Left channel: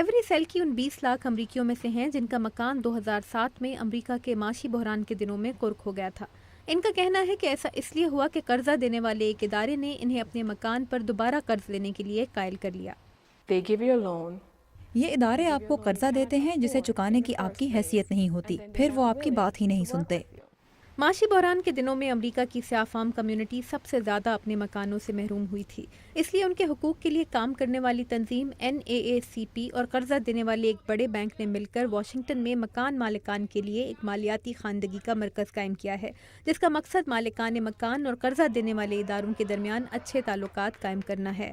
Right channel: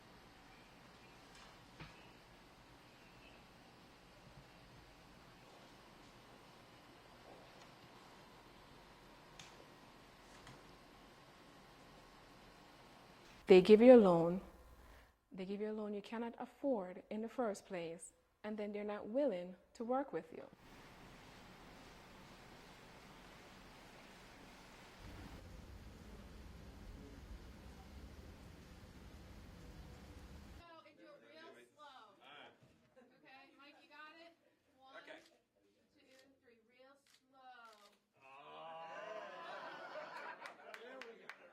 Every سیلکی ان 20 لاکھ امریکیوں میں سے ہیں جن کا مکان 2007 میں امریکہ کے معاشی بحران کے دنوں میں کرک ہو گیا تھا۔ ان کا کہنا ہے کہ ایسا اس لیے ہوا کہ قرضہ دینے والے ایک ادارے نے انہیں اپنے مکان پر دوبارہ قرض لینے کے لیے قائل کر لیا۔ یہ ادارے آپ کو قرضہ دیتے ہیں جسے چکانے کی آپ کی حیثیت نہیں ہوتی، پھر وہ آپ کی بات ہی نہیں سنتے۔ معاشی بحران کے دنوں میں امریکہ کی سیاہ فام کمیونٹی سب سے زیادہ اپنے مکانوں سے محروم ہوئی تھی، اس لیے ان کے حقوق کے لیے کام کرنے والی تنظیم NAACP اور قرضہ دینے والے ایک بڑے بینک نے مل کر واشنگٹن میں مکان مالکان کے لیے ایک مالیاتی خواندگی کا مرکز قائم کیا ہے، جس کا مقصد مالکان مکان اور قرضہ دینے والے اداروں کے درمیان اچھے تعلقات قائم کرنا ہے۔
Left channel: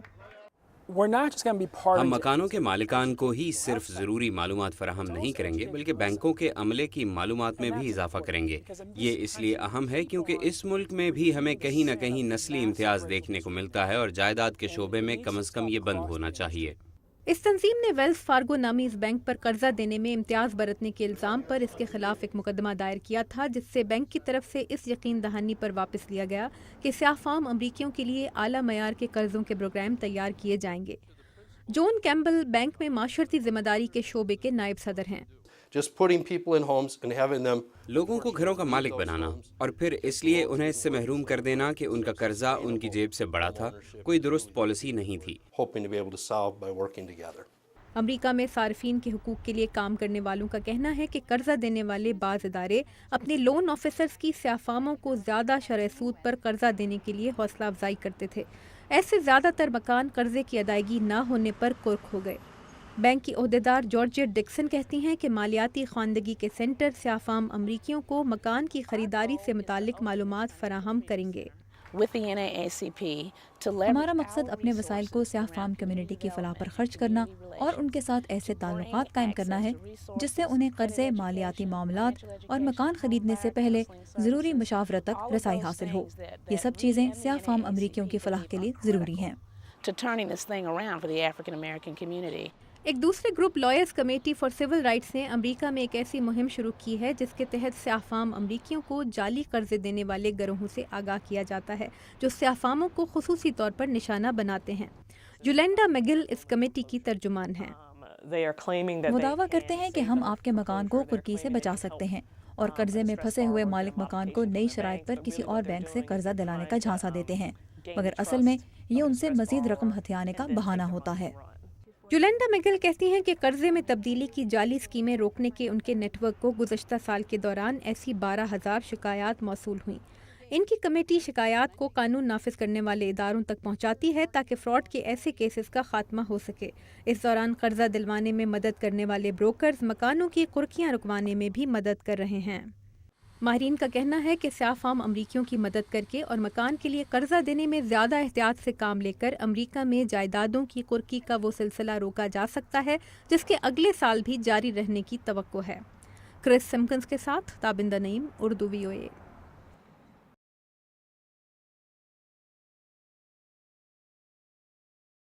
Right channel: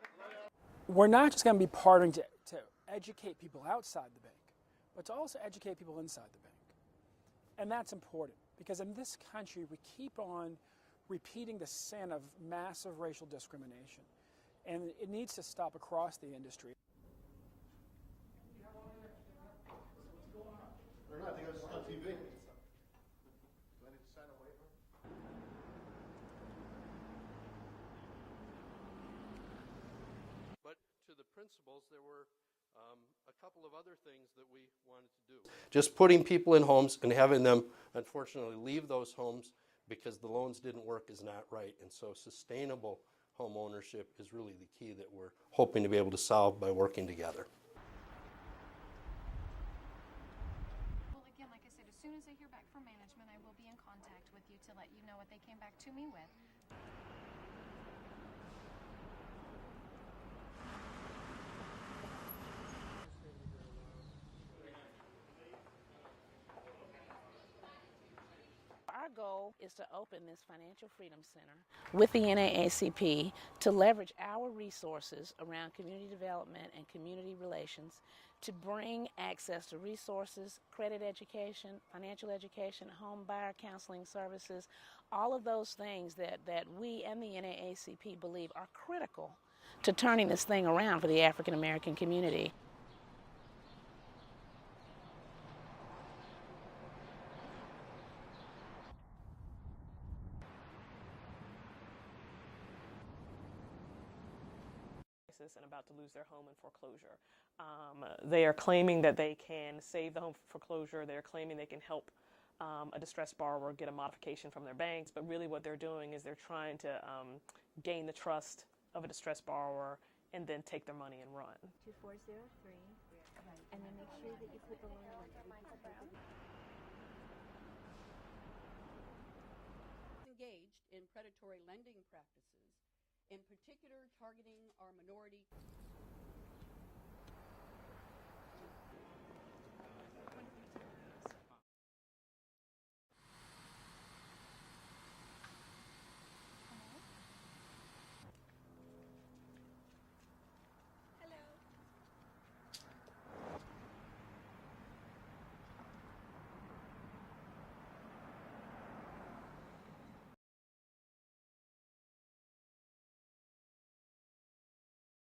ہم مکانوں کے مالکان کو ہی صرف ضروری معلومات فراہم نہیں کریں گے بلکہ بینکوں کے عملے کی معلومات میں بھی اضافہ کریں گے۔ یہ اس لیے اہم ہے کیونکہ اس ملک میں بھی ہمیں کہیں نہ کہیں نسلی امتیاز دیکھنے کو ملتا ہے اور جائیداد کے شعبے میں کم از کم یہ بند ہونا چاہیے۔ اس تنظیم نے ویلز فارگو نامی اس بینک پر قرضہ دینے میں امتیاز برتنے کے الزام پر اس کے خلاف ایک مقدمہ دائر کیا تھا، جس سے بینک کی طرف سے اس یقین دہانی پر واپس لیا گیا کہ سیاہ فام امریکیوں کے لیے اعلیٰ معیار کے قرضوں کے پروگرام تیار کیے جائیں گے۔ جون کیمبل بینک میں معاشرتی ذمہ داری کے شعبے کے نائب صدر ہیں۔ لوگوں کو گھروں کا مالک بنانا اور پھر اس لیے انہیں اس سے محروم کر دینا کہ ان کا قرضہ ان کی جیب سے بڑا تھا، کوئی درست پالیسی نہیں تھی۔ امریکہ میں صارفین کے حقوق کے لیے کام کرنے والوں کا کہنا ہے کہ قرضہ دینے والے بعض ادارے اپنے لون آفیسرز کی سیاہ فاموں کو زیادہ شرح سود پر قرضہ دینے کے لیے حوصلہ افزائی کرتے تھے۔ ایسے زیادہ تر مکان قرضے کی ادائیگی نہ ہونے پر کرک ہو گئے۔ بینک کی عہدیدار جارجیٹ ڈکسن کہتی ہیں کہ مالیاتی خواندگی کے سینٹر سیاہ فام امریکیوں کو مکان کی خریداری سے متعلق معلومات فراہم کریں گے۔ ہمارا مقصد اپنے وسائل کو سیاہ فام کمیونٹی کی فلاح پر خرچ کرنا اور ان کے ساتھ ایسے تعلقات قائم کرنا ہے جس سے انہیں قرضے، مالیاتی معاملات اور مکان خریدنے سے پہلے ضروری مشاورت تک رسائی حاصل ہو۔ یہ سب چیزیں سیاہ فام امریکیوں کی فلاح کے لیے ضروری ہیں۔ ایک دوسرے group lawyers committee for civil rights نے امریکہ میں ایک ایسی مہم شروع کی ہے جس کے تحت سیاہ فام امریکیوں کو جعلی قرضے دینے والے گروہوں سے آگاہ کیا جاتا ہے جو سیاہ فاموں کو خصوصی طور پر نشانہ بناتے ہیں۔ یولینڈا میگل اس کمیٹی کی ترجمان ہیں۔ وہ دعویٰ کرتے ہیں کہ ہم آپ کے مکان کو کرکی سے بچا سکتے ہیں اور قرضے میں پھنسے ہوئے مالک مکان کو نئی شرائط پر کسی اور بینک سے قرضہ دلانے کا جھانسا دیتے ہیں، مگر اصل میں یہ ان سے مزید رقم ہتھیانے کا بہانہ ہوتا ہے۔ یولینڈا میگل کہتی ہیں کہ قرضے میں تبدیلی کی جعلی اسکیمیں روکنے کے ان کے نیٹ ورک کو گزشتہ سال کے دوران ایسی 12,000 شکایات موصول ہوئیں۔ ان کی کمیٹی شکایات کو قانون نافذ کرنے والے اداروں تک پہنچاتی ہے تاکہ فراڈ کے ایسے کیسز کا خاتمہ ہو سکے۔ اس دوران قرضہ دلوانے میں مدد کرنے والے بروکرز مکانوں کی قرقیاں رکوانے میں بھی مدد کر رہے ہیں۔ ماہرین کا کہنا ہے کہ سیاہ فام امریکیوں کی مدد کر کے اور مکان کے لیے قرضہ دینے میں زیادہ احتیاط سے کام لے کر امریکہ میں جائیدادوں کی قرقی کا وہ سلسلہ روکا جا سکتا ہے جس کے اگلے سال بھی جاری رہنے کی توقع ہے۔ کرس سمکنز کے ساتھ تابندہ نعیم، اردو VOA۔